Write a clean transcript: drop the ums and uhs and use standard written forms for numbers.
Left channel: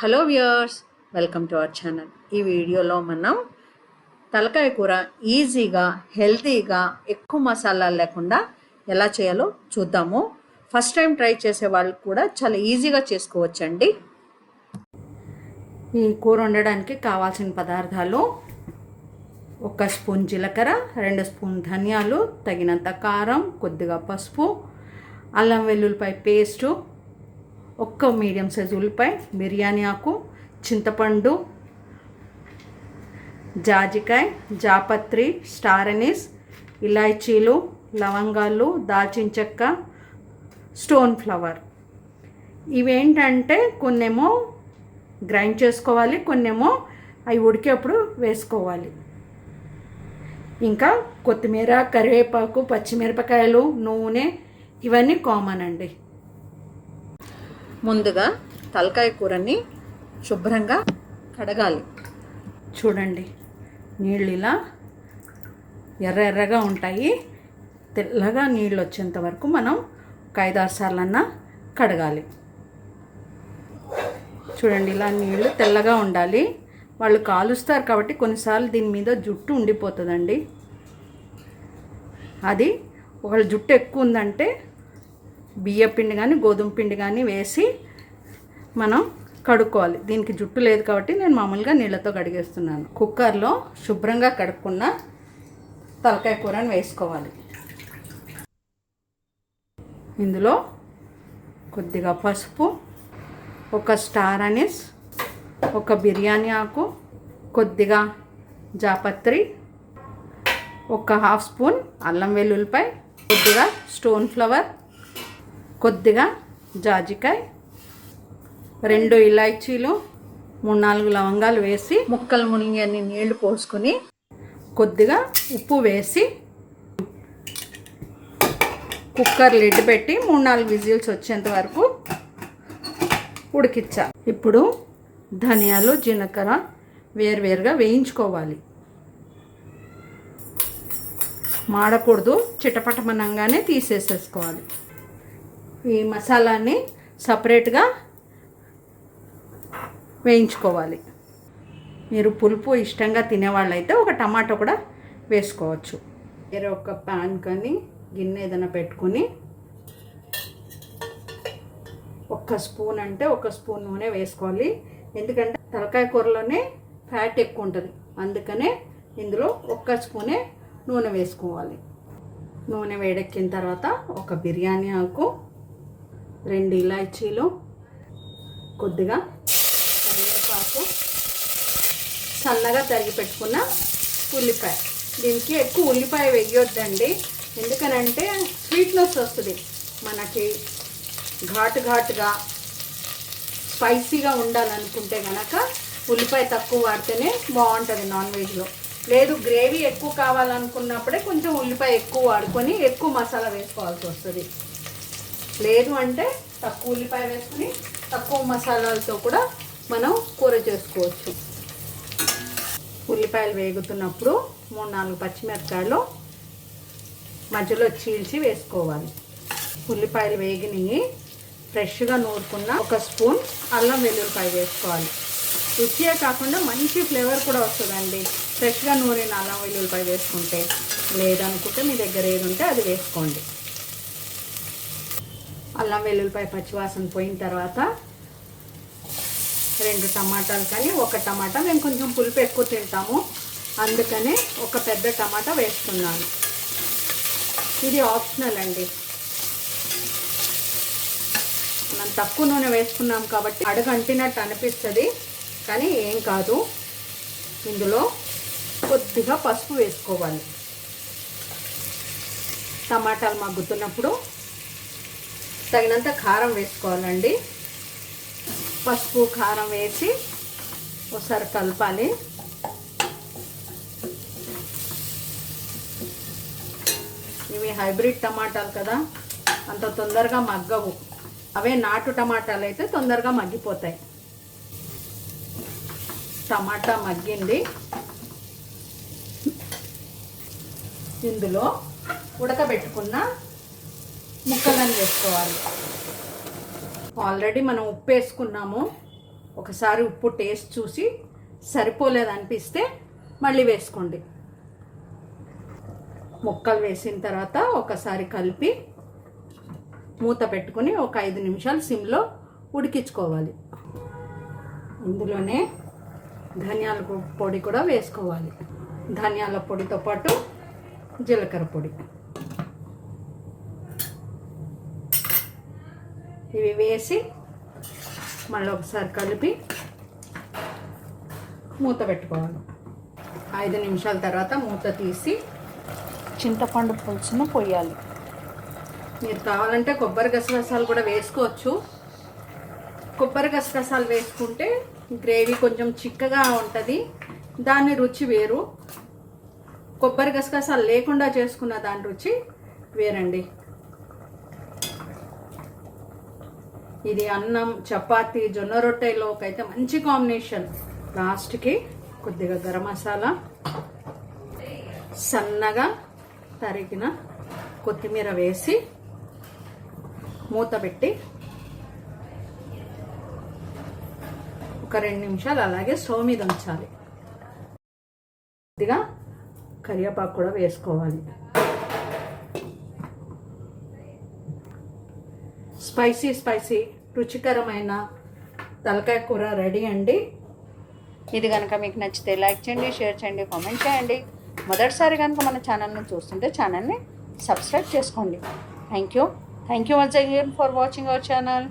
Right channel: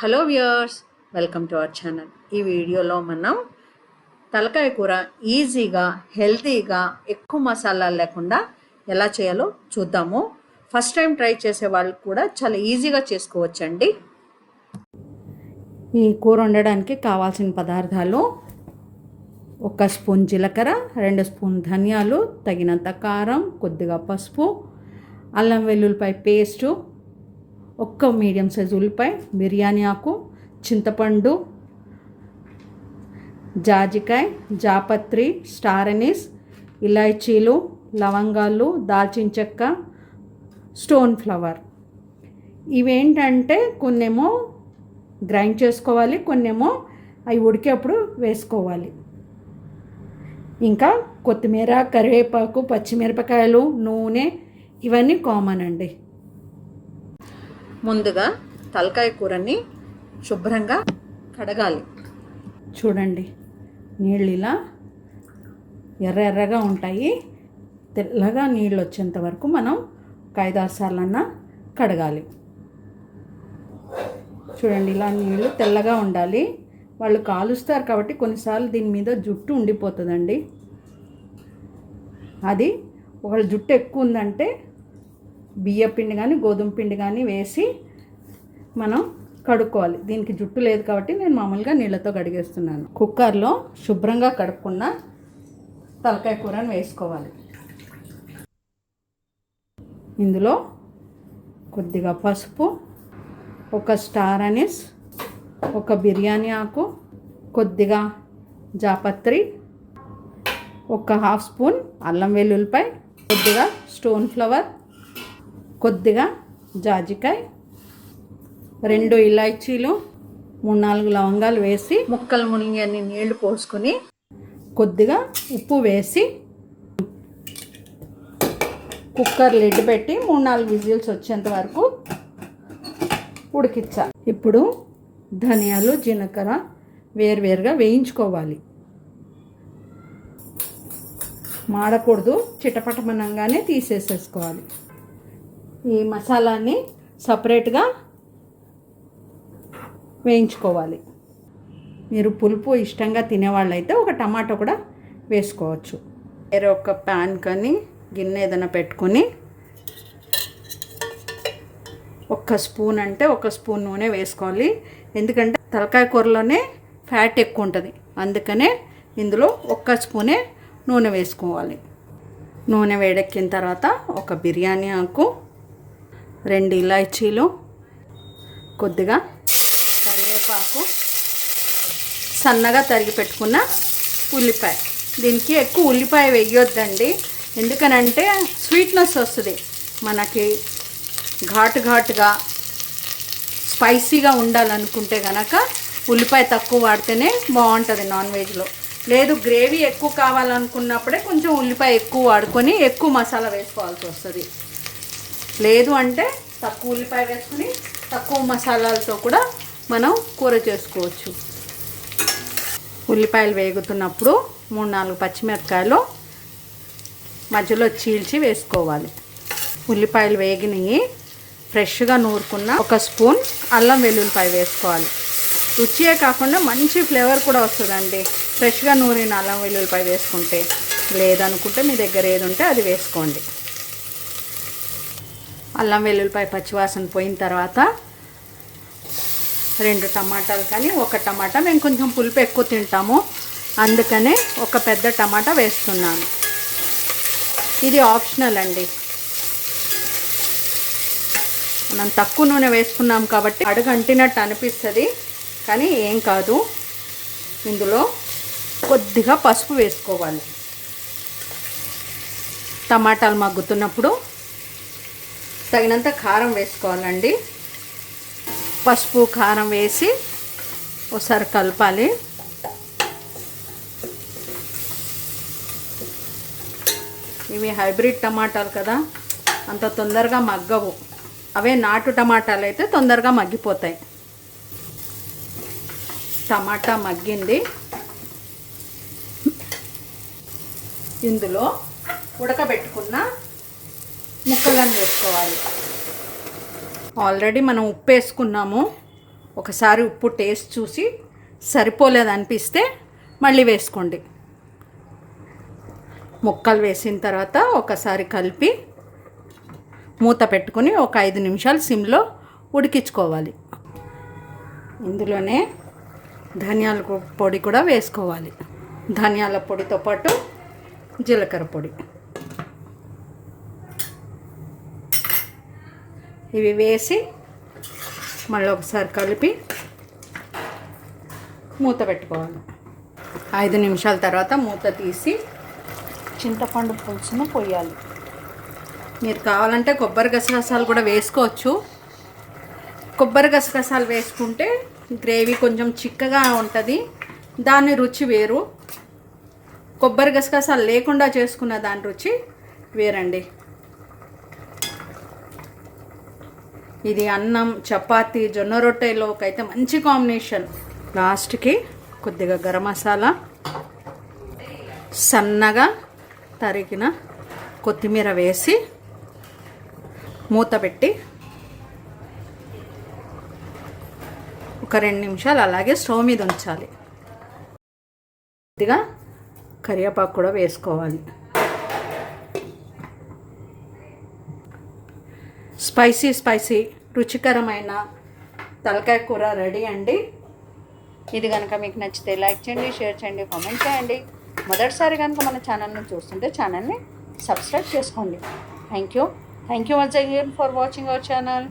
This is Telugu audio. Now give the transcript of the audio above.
Hello viewers, welcome to our channel. ఈ వీడియోలో మనం తలకాయ కూర ఈజీగా హెల్తీగా ఎక్కువ మసాలాలు లేకుండా ఎలా చేయాలో చూద్దాము. ఫస్ట్ టైం ట్రై చేసే వాళ్ళు కూడా చాలా ఈజీగా చేసుకోవచ్చండి. ఈ కూర వండడానికి కావాల్సిన పదార్థాలు: 1 స్పూన్ జీలకర్ర, 2 స్పూన్ ధనియాలు, తగినంత కారం, కొద్దిగా పసుపు, అల్లం వెల్లుల్లిపాయ పేస్టు, 1 మీడియం సైజు ఉల్లిపాయ, బిర్యానీ ఆకు, చింతపండు, జాజికాయ, జాపత్రి, స్టార్ అనీస్, ఇలాచీలు, లవంగాలు, దాల్చిన చెక్క, స్టోన్ ఫ్లవర్. ఇవేంటంటే కొన్నేమో గ్రైండ్ చేసుకోవాలి, కొన్నేమో అవి ఉడికేప్పుడు వేసుకోవాలి. ఇంకా కొత్తిమీర, కరివేపాకు, పచ్చిమిరపకాయలు, నూనె ఇవన్నీ కామన్ అండి. ముందుగా తలకాయ కూరని శుభ్రంగా కడగాలి. చూడండి, నీళ్ళు ఇలా ఎర్రగా ఉంటాయి. తెల్లగా నీళ్ళు వచ్చేంత వరకు మనం ఒక 5-6 సార్లన్నా కడగాలి. చూడండి, ఇలా నీళ్ళు తెల్లగా ఉండాలి. వాళ్ళు కాలుస్తారు కాబట్టి కొన్నిసార్లు దీని మీద జుట్టు ఉండిపోతుందండి. అది ఒకవేళ జుట్టు ఎక్కువ ఉందంటే బియ్య పిండి కానీ గోధుమ పిండి కానీ వేసి మనం కడుక్కోవాలి. దీనికి జుట్టు లేదు కాబట్టి నేను మామూలుగా నీళ్ళతో కడిగేస్తున్నాను. కుక్కర్లో శుభ్రంగా కడుక్కున్న తలకాయ కూరని వేసుకోవాలి. ఇందులో కొద్దిగా పసుపు, 1 స్టార్ అనీస్, 1 బిర్యానీ ఆకు, కొద్దిగా జాపత్రి, 1/2 స్పూన్ అల్లం వెల్లుల్లిపాయ, కొద్దిగా స్టోన్ ఫ్లవర్, కొద్దిగా జాజికాయ, 2 ఇలాచీలు, 3-4 లవంగాలు వేసి ముక్కలు మునిగి అన్ని నీళ్లు పోసుకొని కొద్దిగా ఉప్పు వేసి కుక్కర్ లిడ్ పెట్టి 3-4 విజిల్స్ వచ్చేంత వరకు ఉడికించాలి. ఇప్పుడు ధనియాలు, జీలకర్ర వేరువేరుగా వేయించుకోవాలి. మాడకూడదు, చిటపటమనంగానే తీసేసేసుకోవాలి. ఈ మసాలాని సపరేట్గా వేయించుకోవాలి. మీరు పులుపు ఇష్టంగా తినేవాళ్ళైతే 1 టమాటో కూడా వేసుకోవచ్చు. వేరే ఒక ప్యాన్ కానీ గిన్నె ఏదైనా పెట్టుకొని 1 స్పూన్ అంటే 1 స్పూన్ నూనె వేసుకోవాలి. ఎందుకంటే తలకాయ కూరలోనే ఫ్యాట్ ఎక్కువ ఉంటుంది, అందుకనే ఇందులో 1 స్పూనే నూనె వేసుకోవాలి. నూనె వేడెక్కిన తర్వాత 1 బిర్యానీ ఆకు, 2 ఇలాచీలు, కొద్దిగా కరివేపాకు, సన్నగా తరిగి పెట్టుకున్న ఉల్లిపాయ. దీనికి ఎక్కువ ఉల్లిపాయ వేయొద్దండి, ఎందుకనంటే స్వీట్నెస్ వస్తుంది. మనకి ఘాటుగా స్పైసీగా ఉండాలనుకుంటే కనుక ఉల్లిపాయ తక్కువ వాడితేనే బాగుంటుంది నాన్ వెజ్లో. లేదు, గ్రేవీ ఎక్కువ కావాలనుకున్నప్పుడే కొంచెం ఉల్లిపాయ ఎక్కువ వాడుకొని ఎక్కువ మసాలా వేసుకోవాల్సి వస్తుంది. లేదు అంటే తక్కువ ఉల్లిపాయ వేసుకుని తక్కువ మసాలాలతో కూడా మనం కూర చేసుకోవచ్చు. ఉల్లిపాయలు వేగుతున్నప్పుడు 3-4 పచ్చిమిరపకాయలు మధ్యలో చీల్చి వేసుకోవాలి. ఉల్లిపాయలు వేగినవి ఫ్రెష్గా నూరుకున్న 1 స్పూన్ అల్లం వెల్లుల్లిపాయ వేసుకోవాలి. రుచియే కాకుండా మంచి ఫ్లేవర్ కూడా వస్తుందండి ఫ్రెష్గా నూరిన అల్లం వెల్లుల్లిపాయ వేసుకుంటే. లేదనుకుంటే మీ దగ్గర ఏది ఉంటే అది వేసుకోండి. అల్లం వెల్లుల్లిపాయ పచ్చివాసన పోయిన తర్వాత 2 టమాటాలు కానీ 1 టమాటా, మేము కొంచెం పులుపు ఎక్కువ తింటాము అందుకనే 1 పెద్ద టమాటా వేస్తున్నాను. ఇది ఆప్షనల్ అండి. మనం తక్కువ నూనె వేసుకున్నాం కాబట్టి అడుగు అంటినట్టు అనిపిస్తుంది, కానీ ఏం కాదు. ఇందులో కొద్దిగా పసుపు వేసుకోవాలి. టమాటాలు మగ్గుతున్నప్పుడు తగినంత కారం వేసుకోవాలండి. పసుపు కారం వేసి ఒకసారి కలపాలి. ఇవి హైబ్రిడ్ టమాటాలు కదా, అంత తొందరగా మగ్గవు. అవే నాటు టమాటాలు అయితే తొందరగా మగ్గిపోతాయి. టమాటా మగ్గింది. ఇందులో ఉడకబెట్టుకున్న ముక్కలను వేసుకోవాలి. ఆల్రెడీ మనం ఉప్పు వేసుకున్నాము, ఒకసారి ఉప్పు టేస్ట్ చూసి సరిపోలేదనిపిస్తే మళ్ళీ వేసుకోండి. ముక్కలు వేసిన తర్వాత ఒకసారి కలిపి మూత పెట్టుకుని ఒక 5 నిమిషాలు సిమ్లో ఉడికించుకోవాలి. ఇందులోనే ధనియాల పొడి కూడా వేసుకోవాలి. ధనియాల పొడితో పాటు జీలకర్ర పొడి ఇవి వేసి మళ్ళీ ఒకసారి కలిపి మూత పెట్టుకోవాలి. 5 నిమిషాల తర్వాత మూత తీసి చింతపండు పులుసును పోయాలి. మీరు కావాలంటే కొబ్బరి గసగసాలు కూడా వేసుకోవచ్చు. కొబ్బరి గసగసాలు వేసుకుంటే గ్రేవీ కొంచెం చిక్కగా ఉంటుంది, దాని రుచి వేరు. కొబ్బరి గసగసాలు లేకుండా చేసుకున్న దాని రుచి వేరండి. ఇది అన్నం, చపాతీ, జొన్న రొట్టెలోకి అయితే మంచి కాంబినేషన్. లాస్ట్కి కొద్దిగా గరం మసాలా, సన్నగా తరిగిన కొత్తిమీర వేసి మూత పెట్టి ఒక 2 నిమిషాలు అలాగే స్టవ్ మీద ఉంచాలి. కొద్దిగా కరివేపాకు కూడా వేసుకోవాలి. స్పైసీ రుచికరమైన తలకాయ కూర రెడీ అండి. ఇది కనుక మీకు నచ్చితే లైక్ చేయండి, షేర్ చేయండి, కామెంట్ చేయండి. మొదటిసారి కనుక మన ఛానల్ని చూస్తుంటే ఛానల్ని సబ్స్క్రైబ్ చేసుకోండి. Thank you once again for watching our channel.